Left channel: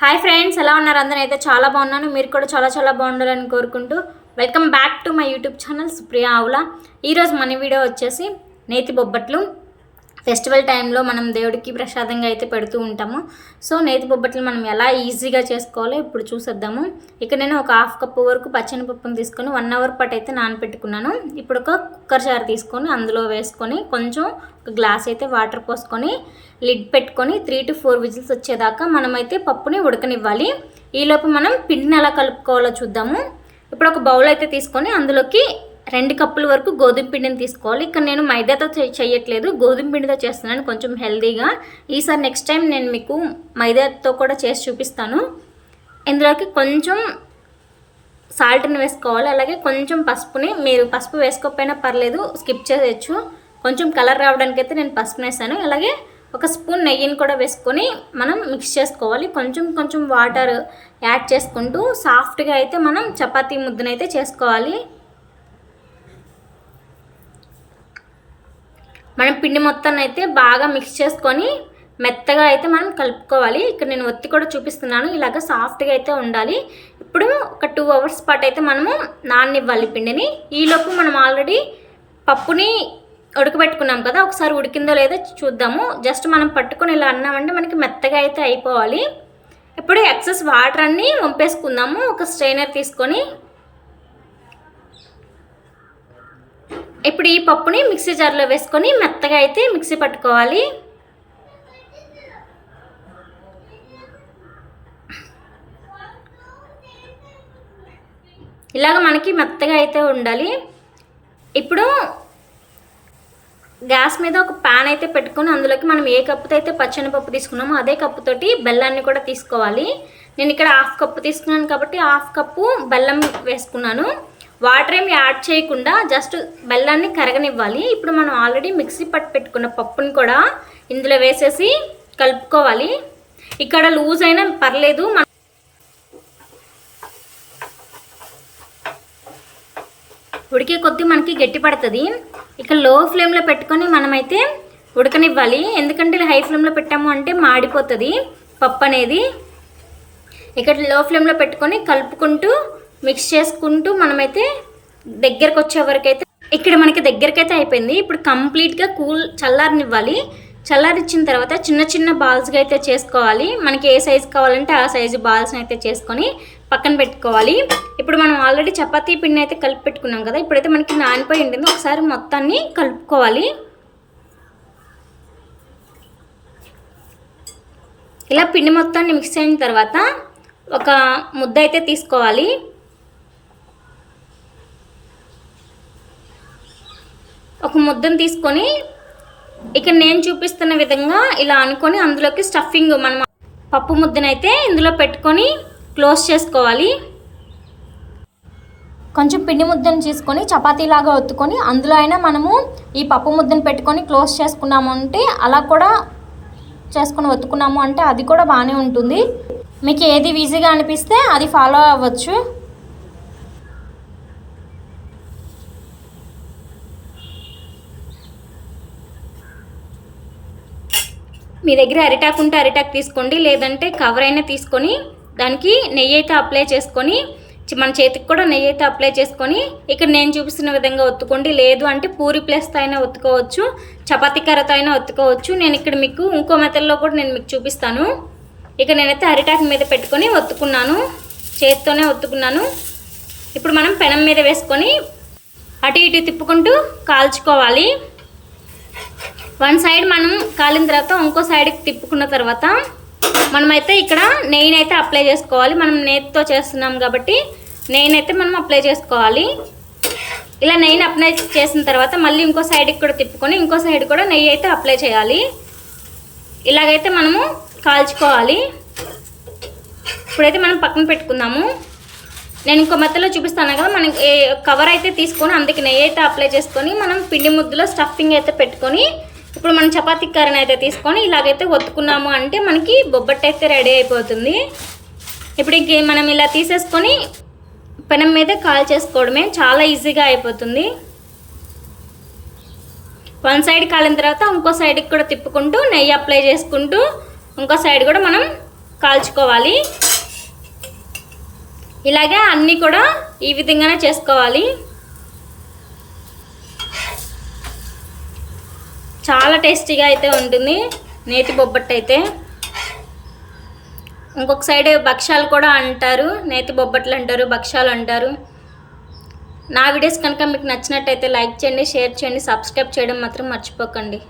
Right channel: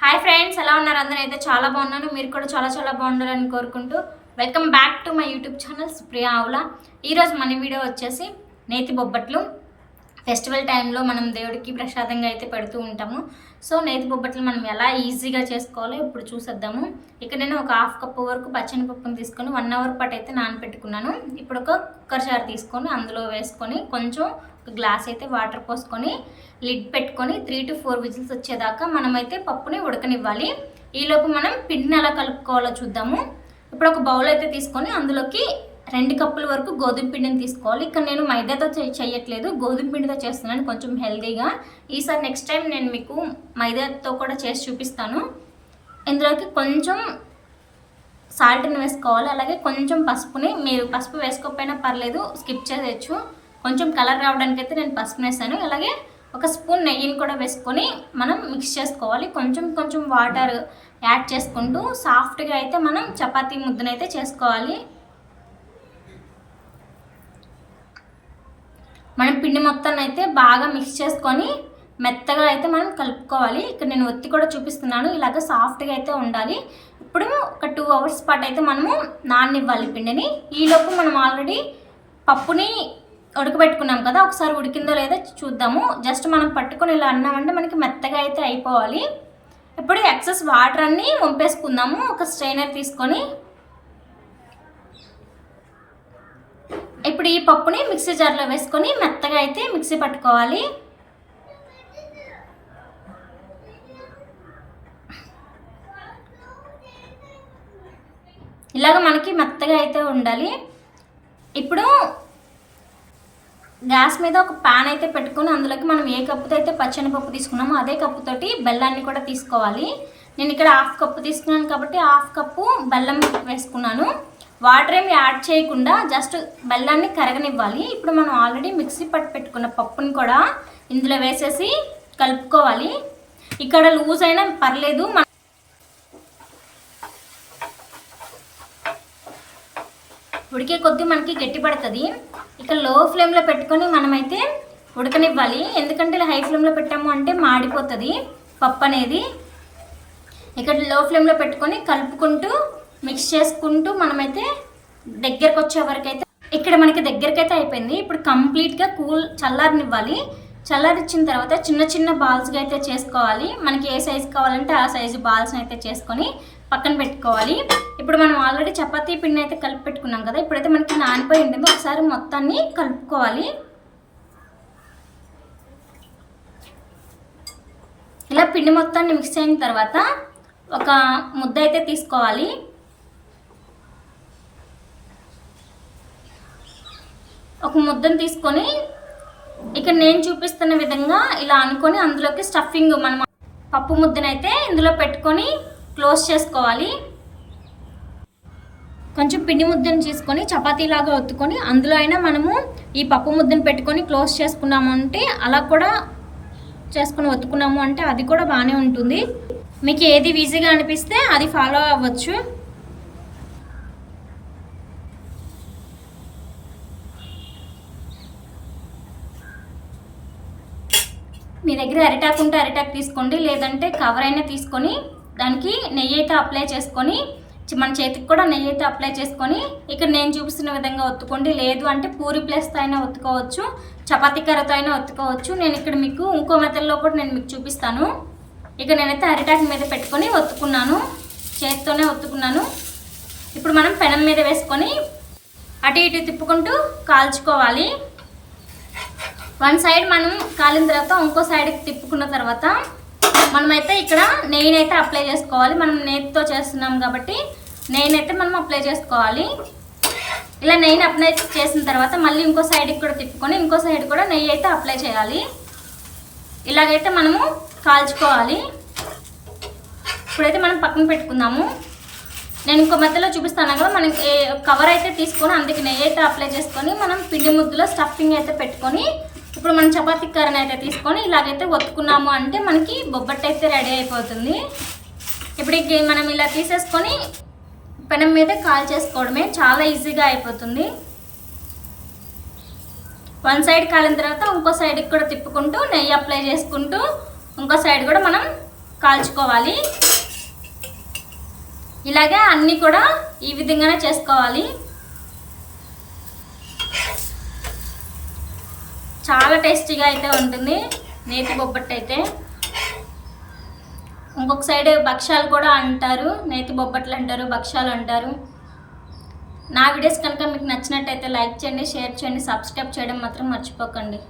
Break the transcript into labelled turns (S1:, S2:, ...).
S1: Hi friends ఎలా ఉన్నారు? అందరూ అయితే చాలా బాగున్నాను. మీరు కూడా చాలా చాలా బాగుండాలని కోరుకుంటూ welcome back to my YouTube channel Supriya Avula ఈరోజు మన వీడియో వచ్చేసి నేతి బొబ్బట్లు. ఫెస్టివల్ టైంలో మనం దేవుడికి ప్రసాదంగా అయితే పెడుతూ ఉంటాము. సో నేతి బొబ్బట్లు మనం ఎలా ఈజీగా చేసుకోవాలో ఇప్పుడు చూసేద్దాము. ఇక్కడ నేను ఒక హాఫ్ కప్పు వరకు పచ్చని పప్పును తీసుకొని వన్ అవర్ పాటు అయితే నానపెట్టుకున్నాను ఇప్పుడు ఒక కుక్కర్ జార్ తీసుకొని అందులో వేసుకొని కొంచెం ఒక గ్లాస్ అయితే వాటర్ పోసుకొని లిడ్ పెట్టుకొని త్రీ టు ఫోర్ విజిల్స్ వచ్చేదాకా మనమైతే పప్పుని ఉడకనివ్వాలి. ఈలోపు మనం పిండిని ఎలా కలుపుకోవాలో చూద్దాము. ఇప్పుడు ఒక బౌల్ అయితే తీసుకొని అందులోకి రెండు కప్పుల వరకు గోధుమ పిండిని తీసుకోవాలి. ఇక్కడ నేను మైదాతో చేయట్లేదు. గోధుమ పిండితో చేస్తున్నాను. కొంచెం హెల్దీగా. ఈసారి నెక్స్ట్ టైం నేను మీకు మైదాతో కూడా చేసి చూపిస్తాను. ఇందులోకి కొంచెం సాల్ట్ని వేసుకోవాలి. అలాగే కొంచెం పసుపుని మీరు పసుపు వేసుకోకపోయినా పర్లేదు స్కిప్ చేయొచ్చు. కొంచెం కలర్ రావడానికి అయితే నేను పసుపు వేసాను. అలాగే ఒక స్పూన్ నెయ్యిని కూడా వేసుకొని మనం మిక్స్ చేసుకోవాలి. కొంచెం కొంచెం వాటర్ యాడ్ చేసుకుంటూ సాఫ్ట్గా అయితే మనం చపాతీ ముద్దనైతే చేసుకోవాలి. మనం పిండి మొత్తాన్ని అయితే బాగా మిక్స్ చేసుకొని మెత్తగా అయితే మనం కలుపుకోవాలి. ఇక్కడ నేను ఒత్తి కూడా చూపిస్తున్నాను. ఇలాగ సాఫ్ట్గా అయితే ఉండాలి. ఇప్పుడు ఒక టూ అవర్స్ పాటు అయితే మనము నాననివ్వాలి పిండిని. ఈలోపు మనం ఆల్రెడీ పప్పుని ఉడకబెట్టుకున్నాం కదా ఒకసారి ఉడికిందో లేదో చూద్దాము. జస్ట్ మనం పట్టుకొని ఇలా అన్నామంటే మనకి మెత్తగా అయితే అయిపోవాలి. ఇప్పుడు ఎక్సెస్ వాటర్ అన్నీ వంపేసుకుందాము. ఒక స్ట్రైనర్ తీసుకొని ఇప్పుడు ఈ పప్పుని మిక్సీ జార్లో వేసుకొని మెత్తగా అయితే మిక్సీ పట్టుకోవాలి. ఇలాగ మనకి మెత్తగా అయితే ఉండాలి. ఇప్పుడు గ్యాస్ మీద ఒక ప్యాన్ అయితే పెట్టుకొని అందులోకి మనం ఏ కప్పుతో అయితే పచ్చని పప్పు తీసుకున్నామో అదే కప్పుతోటి బెల్లాన్ని కూడా తీసుకోవాలి. నేను ఇక్కడ హాఫ్ కప్పు తీసుకున్నాను కాబట్టి హాఫ్ కప్పు బెల్లం వేసుకున్నాను. వాటర్ ఏమి యాడ్ చేయకుండా జస్ట్ బెల్లాన్ని కరగనివ్వాలి. ఇప్పుడు మనం ఆల్రెడీ మిక్సీ పట్టు పెట్టుకున్న పప్పుని కూడా ఇందులో వేసేసి కలుపుకోవాలి. ఇక్కడ లూజ్ అయినా పర్లేదు. మన ఉడికే కొద్దీ మనకి గట్టి పడుతుంది. ఇక లో ఫ్లేమ్లో పెట్టుకొని మనమైతే ఉడకనివ్వాలి. ఎందుకంటే ఇలా హై ఫ్లేమ్లో పెట్టాము అంటే మాడిపోతుంది పప్పు అనేది ఇక్కడ లో ఫ్లేమ్లో పెట్టుకొని కలుపుకుంటూ మిక్స్ చేసుకుంటూ మనమైతే దగ్గరకు వచ్చే వరకు అయితే ఇక్కడ మనకి దగ్గరకైతే అయిపోయింది. ఇప్పుడు కంప్లీట్గా కూల్ చల్లారనివ్వాలి. చల్లారిచ్చిన తర్వాత చిన్న చిన్న బాల్స్గా అయితే చేసుకోవాలి. మనకి ఏ సైజు కావాలంటే ఆ సైజు బాల్స్ని అయితే చేసుకొని పక్కన పెట్టుకోవాలి. ఇప్పుడు మనం ఆల్రెడీ చపాతీ పిండి అయితే కలిపి పెట్టుకున్నాం కదా ఇప్పుడైతే మనకి నానిపోయి ఉంటుంది. ఒకసారి మొత్తాన్ని కలుపుకోవాలి. ఇలా పిండి మొత్తాన్ని మిక్స్ అయిన తర్వాత ఒక ముద్ద అయితే తీసుకోవాలి. ఒక ముద్దను తీసుకొని ఇక నేను చూపిస్తున్న విధంగా ఇలా అనుకొని అందులోకి స్టఫింగ్ మనం పప్పు ముద్దనైతే ఇందులో పెట్టుకొని క్లోజ్ చేసుకోవాలి. కొంచెం పిండి ముద్దను తీసుకొని చపాతీలాగా ఒత్తుకొని అందులో అయినా మనము ఈ పప్పు ముద్దను పెట్టుకొని క్లోజ్ చేసుకున్నాము అంటే అలా కూడా చేసుకొని ఒత్తుకున్నాము అంటే అది కూడా బాగానే ఉంటుంది. మీకు ఏది ఈజీగా అనిపిస్తే అది ఫాలో అవ్వచ్చు. మీ దగ్గర అరిటాకు ఉంటే అరిటాకు తీసుకోండి లేదంటే కవర్ అయినా తీసుకొని దానికి నెయ్యి అయితే అప్లై చేసుకొని మన చేతికి కూడా నెయ్యి అయితే అప్లై చేసుకొని ఇక్కడ నేను చూపిస్తున్న విధంగా ఒత్తుకోండి. లేదు అంటే పూరి ప్లేస్తో అయినా ఒత్తుకోవచ్చు చపాతీ కర్రతో అయినా ఒత్తుకోవచ్చు. నేను ఇక్కడ మీకు ఇంకో మెథడ్లో కూడా నేను మీకు చూపిస్తాను. ఇక నేనైతే అరిటాకు మీద పెట్టుకొని ఒత్తుకున్నాను చేతితోనే ఒత్తుకున్నాను. ఇప్పుడు మనం పెనం మీద వేసుకొని అటు ఇటు తిప్పుకుంటూ కాల్చుకోవాలి. వన్ సైడ్ మనం కాలిన తర్వాత ఇంకో సైడ్కి తిప్పుకున్న తర్వాత మనమైతే ఇక్కడ నెయ్యిని అయితే అప్లై చేసుకోవాలి. మనం నేతితో చేస్తున్నాం కాబట్టి నెయ్యిని అయితే మనం అప్లై చేసుకోవాలి. ఇలా నెయ్యిని అప్లై చేసిన తర్వాత మళ్ళీ ఇంకో సైడ్కి కూడా తిప్పుకొని ఇంకో సైడ్ కూడా నెయ్యి అయితే అప్లై చేయాలి. ఇలాగైతే మనము కాల్చుకోవాలి. ఇప్పుడైతే మనం పక్కన పెట్టుకుందాము. నేను ఇంకో మధ్యలో చూపిస్తాను కదా మనం ఏ కవర్ అయితే తీసుకొని అందుకే నెయ్యి అయితే అప్లై చేసుకొని మనం పిండి ముద్దలో స్టఫింగ్ అయితే పెట్టుకొని ఇప్పుడు మనం చపాతీ కర్రని అయితే తీసుకొని ఇలాగైతే ఒత్తుకున్నాము అంటే మనకి బొబ్బట్టు అయితే రెడీ అయిపోతుంది. ఇప్పుడు మనం ఇలా తీసేసుకొని పెనం మీద కాల్ చేసుకోవడమే చాలా ఈజీగా అయిపోతుంది. వన్ సైడ్ కాలిన తర్వాత ఇంకో సైడ్కి కూడా తిప్పుకుంటూ నెయ్యి అప్లై చేసుకుంటూ ఇంకో సైడ్ కూడా మనం కాల్చుకోవాలి. ఇలాగే అన్నీ కూడా ఈ విధంగానే చేసుకోవాలి. చాలా టేస్టీగా అయితే ఉంటుంది. నేతి బొబ్బట్టు అయితే. ఇంకొక సైడ్ భక్ష్యాలు కూడా అంటారు. నేతి బొబ్బట్లు అంటారు భక్ష్యాలు అంటారు. నా వీడియోస్ కనుక మీకు నచ్చినట్టయితే లైక్ చేయండి షేర్ చేయండి సబ్స్క్రైబ్ చేయడం మాత్రం మర్చిపోకండి.